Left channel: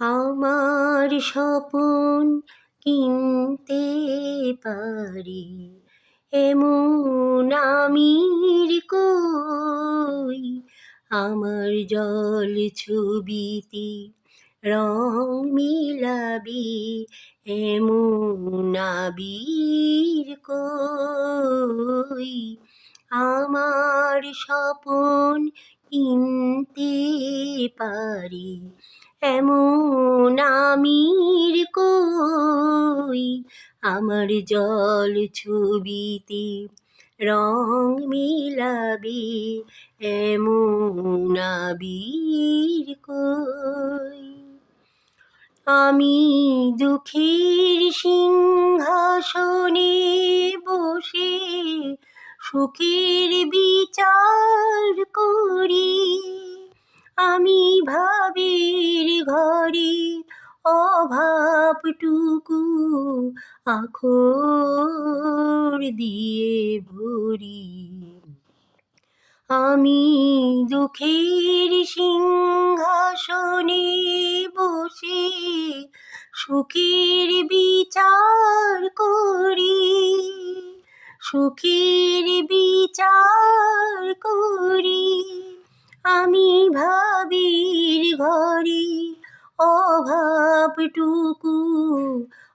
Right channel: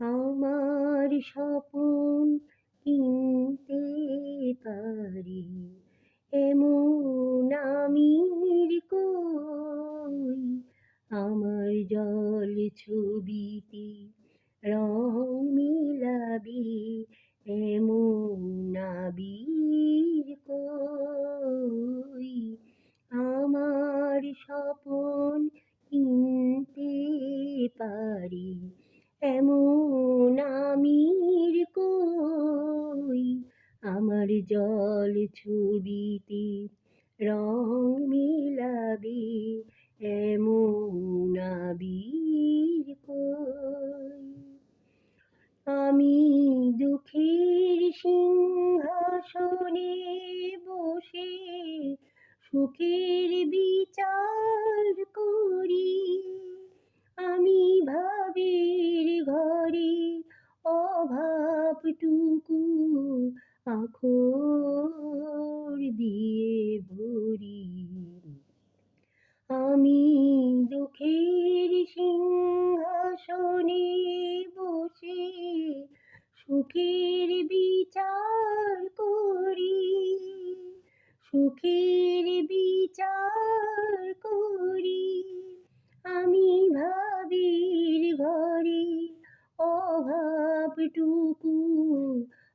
আমার স্বপন কিনতে পারি এমন আমির কই। আমার জল ছবিতে রং মিলাবি এমন আবির কই। আমার স্বপন কিনতে পারি এমন আমির কই। আমার জল ছবিতে রং মিলাবি এমন আবির কই। আমি দুঃখের সিংহাসনে বসে সুখের বিচার করি। আমি ভাবের ঘরে অভাবটুকু আখর দিয়ে ভরি। আমি দুঃখের সিংহাসনে বসে সুখের বিচার করি। সুখের বিচার করি। আমি ভাবির ঘরে অভাবটুকু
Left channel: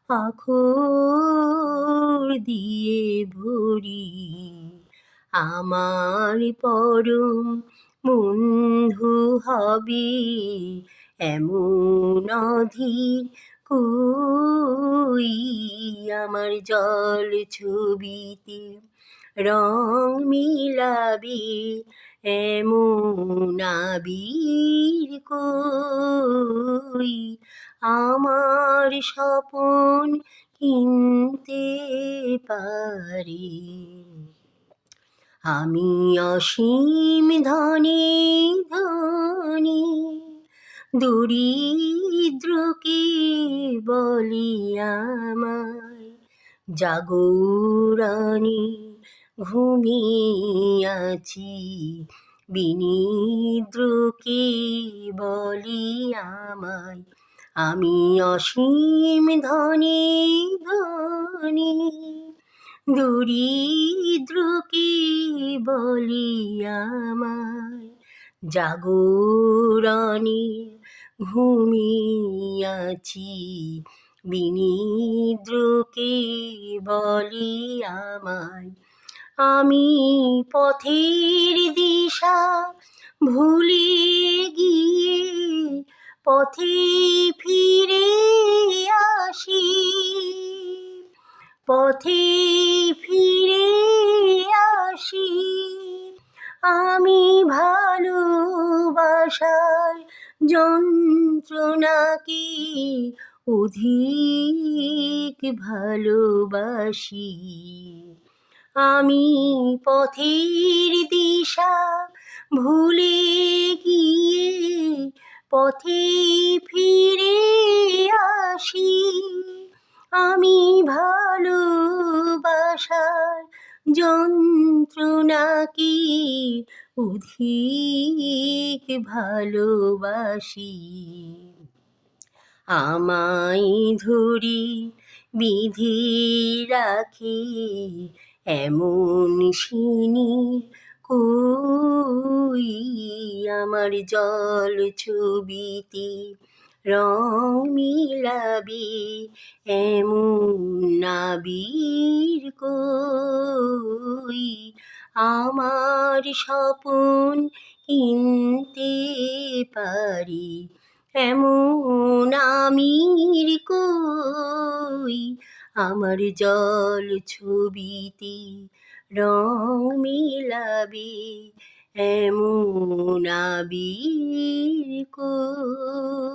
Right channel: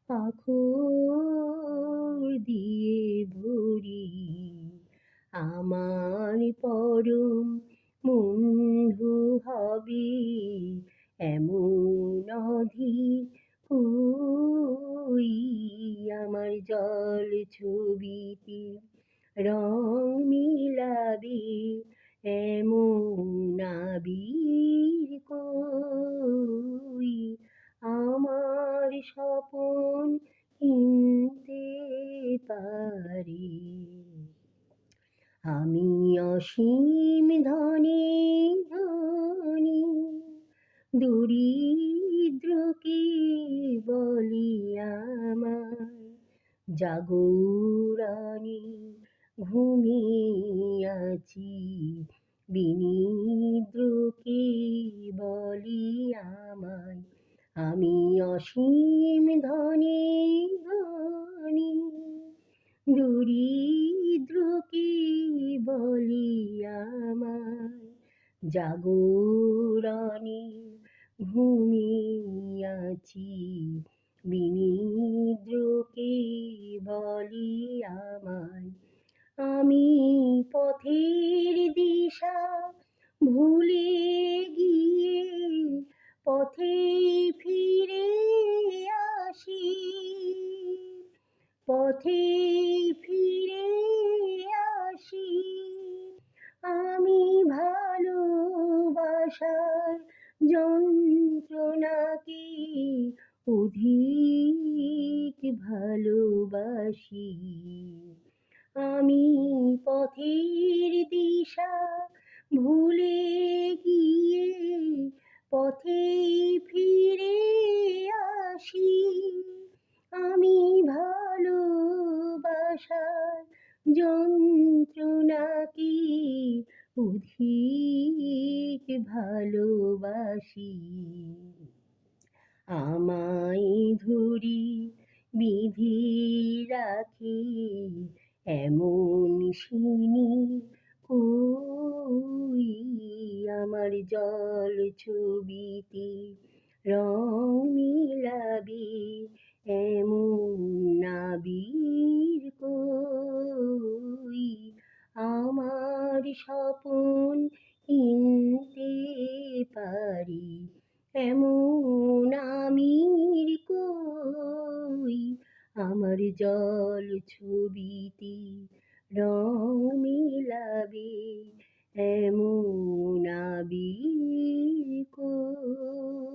আখর দিয়ে ভরি। আমার পরম বন্ধু হবে এমন অধীর কই। আমার জল ছবিতে রং মিলাবি এমন আবির কই। আমার স্বপন কিনতে পারি। আমি অসীম ধনী ধনী দরিদ্রকে বলি আমায় জাগরণে ঘুমিয়াছি। বিনিদ্রকে বলি আমায় আমি অসীম ধনী ধনী দরিদ্রকে বলি আমায় জাগরণে ঘুমিয়াছি। বিনিদ্রকে বলি আমায় আমি পথের দিশা ভুলে গিয়ে পথে ফিরে আসি। পথে ফিরে আসি। আমি ভালোবাসার যন্ত্রণাকে অধিক ভালোবাসি। আমি পথের দিশা ভুলে গিয়ে পথে ফিরে আসি। আমি ভালোবাসার যন্ত্রণাকে অধিক ভালোবাসি। আমায় ধরি বিধি রাখি এমন সিনি কই। আমার জল ছবিতে রং মিলাবি এমন আবির কই। আমার স্বপন কিনতে পারি এমন আমির কই। আমার জল ছবিতে রং মিলাবি এমন আবির কই।